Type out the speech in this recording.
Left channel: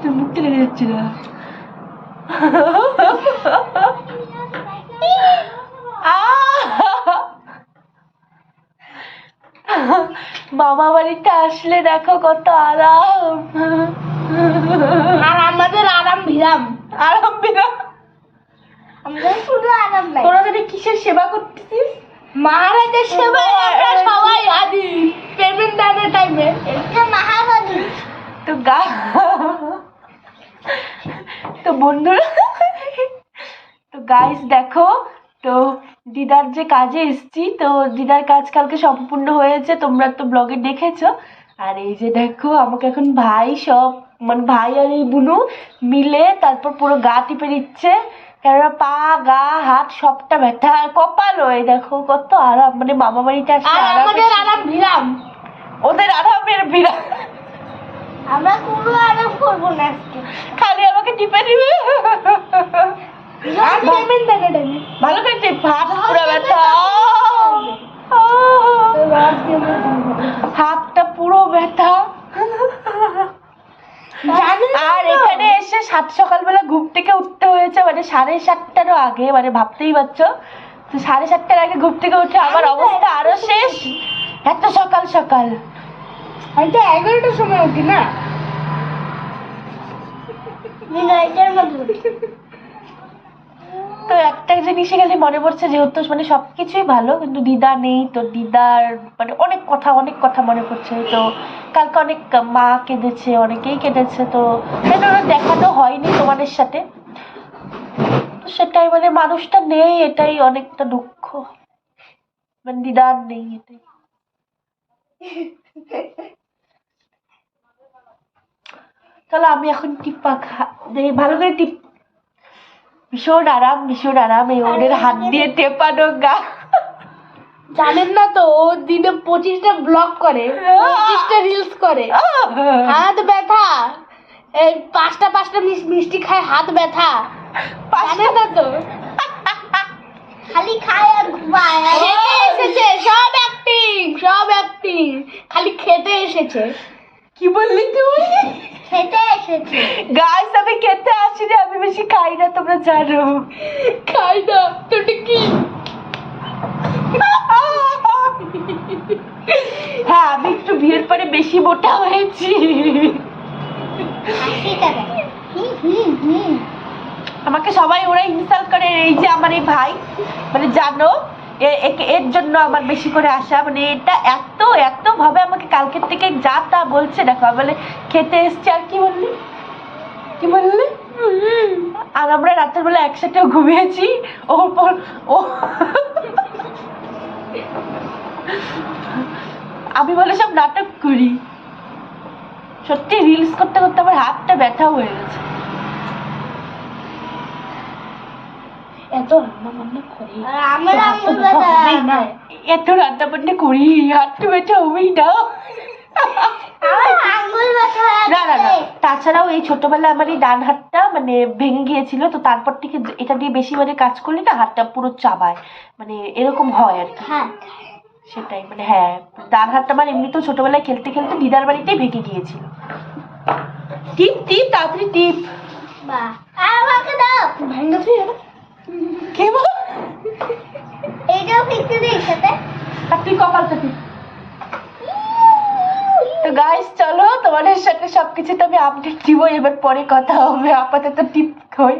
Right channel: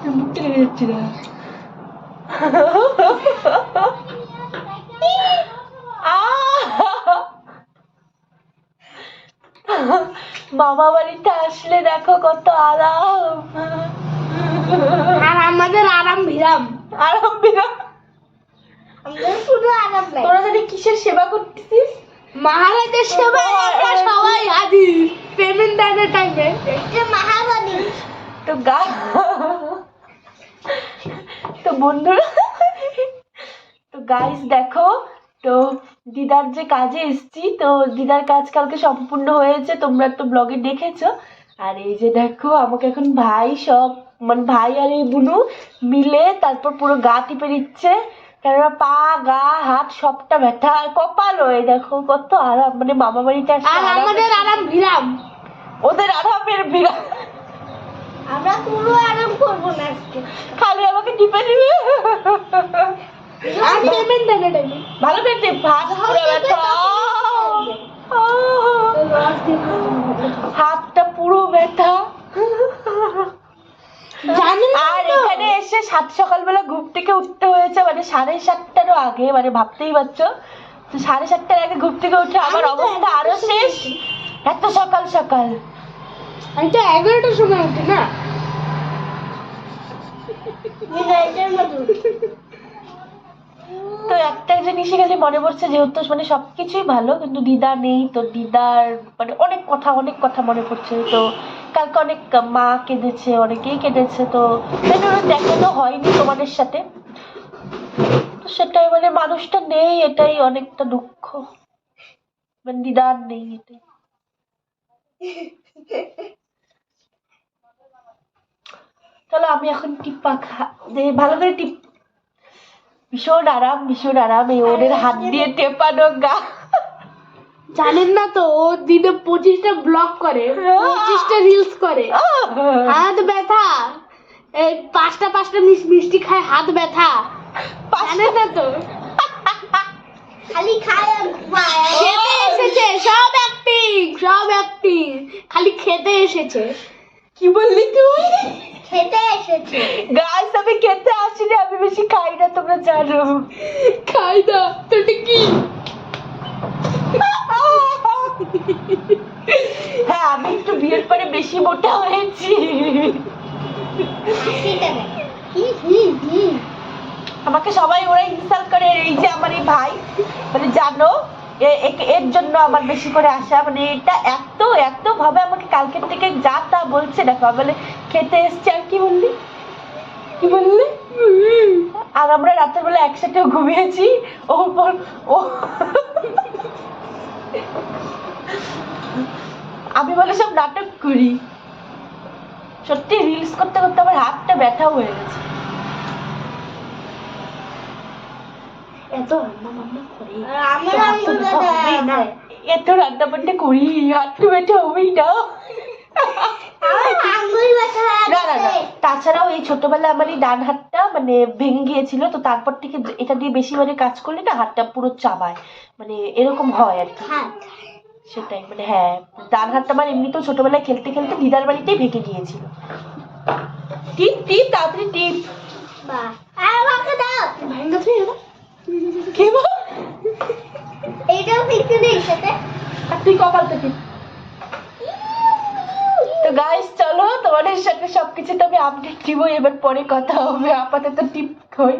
তোর মুখটা লেগে যাচ্ছে না মামা বাড়িতে আসলে দেখো কত আরাম। আর আমাদের আরাম বিরাম। আরাম বিরাম। আমাদের শুধু আরাম তোরা যদি কিসের সেবা করতেছিস? মহারাজের সেবায় আমরা সবাই হাজির পেমেন্ট দানের টাইমে মহারানী। তো গা। তো বন্ধুরা তো গাইস দেখো তো দিদার যে কাজে এসছি তো দিদার কাজ কালকে সম্পূর্ণ হয়েছে তোমরা তো ব্লগে দেখেছ। আর এই যে দেখো আমাকে এখন ভাই সব মানে ভাই আর এই বুনু মিলে তারপর পুরো গা টিপে দিচ্ছে। কেননা পা গা হাত সবটা ব্যথা। আর কপালও এই দেখো কত আরাম। মানে মামা বাড়িতে আসলে আর আমাদের আরাম বিরাম। ওদের আরামের বিরাম। আমরা কোনো আরাম করব না আজকে। খালি আমাকে টিপে দিবে। ভালো করে টিপ। হাত পুরো ব্যথা। হাতটা পুরো ব্যথা। আর এখানে এসে সাত সকালবেলা ঘুম থেকে উঠতে হয়েছে মানে সাড়ে সাতটারও আগে মানে ভাবতেই পারছ। তো সাড়ে সাতটার আগে ঘুম থেকে উঠে আমার অবস্থা আরও শেষ। এত সকাল সকাল। আমি তো এগারোটার সময় উঠি না। তো একটা জিনিসই খালি মনে পড়ছে যেহেতু মানে সবকিছুই ভালো কিন্তু দিদা নেই তো দিদার মানে অনেক কথা অনেক কথা মনে পড়ছে তো কালকে অনেক মা কেঁদেছে অনেকেই কেঁদেছে তো সেটা দেখানো হয়নি তোমাদের সাথে। তো সেটাই মানে মানুষটা নেই এটাই অনেকটা দুঃখ। মানে দিদার নেই এটাই। তাহলে আমি এখন টিপ্পা খা ভালো করে টিপ। ভীষণ আরাম ভীষণ আরাম এই ওদের হাত দিয়ে টেপানো গা। জানেন না তো ও দিনে পঁচিশটা ব্লগ করে পঁচিশটা রিলস করে। হাত ব্যথা। এই পাঁচটা পাঁচটা মিস- মিষ্টি খায় হাত ব্যথা। জানেন না তো? খালি খায় আর ঘুমায়। খেতে এসেছে সব অ্যাক্টিং সব অ্যাক্টিং খালি খেতে এসেছে। কি বললি তুই? খেতে এসেছে। গাইস আমি খেতে আসিনি আমি বেশি খাই না তোমরা জানো। খাই না তোটা কি হ্যাঁ আমি একটু বিয়ের পরে বেশি মোটা হয়েছি। আমাকে সবাই ওরা ইনসাল্ট করে এই যে আমার এই ভাই মানে জানো এর জন্য আমার বেশি করে আসা মানে এটা এত এত ভাবে আমাকে কালকের থেকে যা তা বলছে দেখো বলে খেতে এসছি আর কি বললি? কি বললি? আর আমরা রাতের বেলা একসাথে ঘুমিয়েছি ওর পর ও আমি বলে সব নাটক করি। সত্যি রিলস করতে করতে আমার হাতটা ব্যথা হয়ে গেছে। এত রান্না এত রান্না বান্না করি হাতটা ব্যথা হবেই না। না না না। তাছাড়াও এই ছোটবেলায় আমার এই ডান হাতটা মানে ভেঙে গিয়েছিল তো তারপর থেকে এটা দিয়ে বেশি মানে কাজ করলে না হাতটা পুরো চাবায়। মানে এরকম হয় আর কি। সেটাই মানে হ্যাঁ ডান হাতটা আমার এমনিতেও ছোটবেলায় খেলতে খেলতে দিদার বাড়িতেই ভেঙে গিয়েছিল। টিপ টিপ তাড়াতাড়ি টিপ। আমাকে দাও। তুই? এইটাও ফিক্স নেই সাথে। আর তুই কপালটা টিপ। তো গাইস চলো তোমাদের সাথে সবকিছু তো আমি আপডেট দিব এবার পরে কথা হবে। আপাতত টিপ হই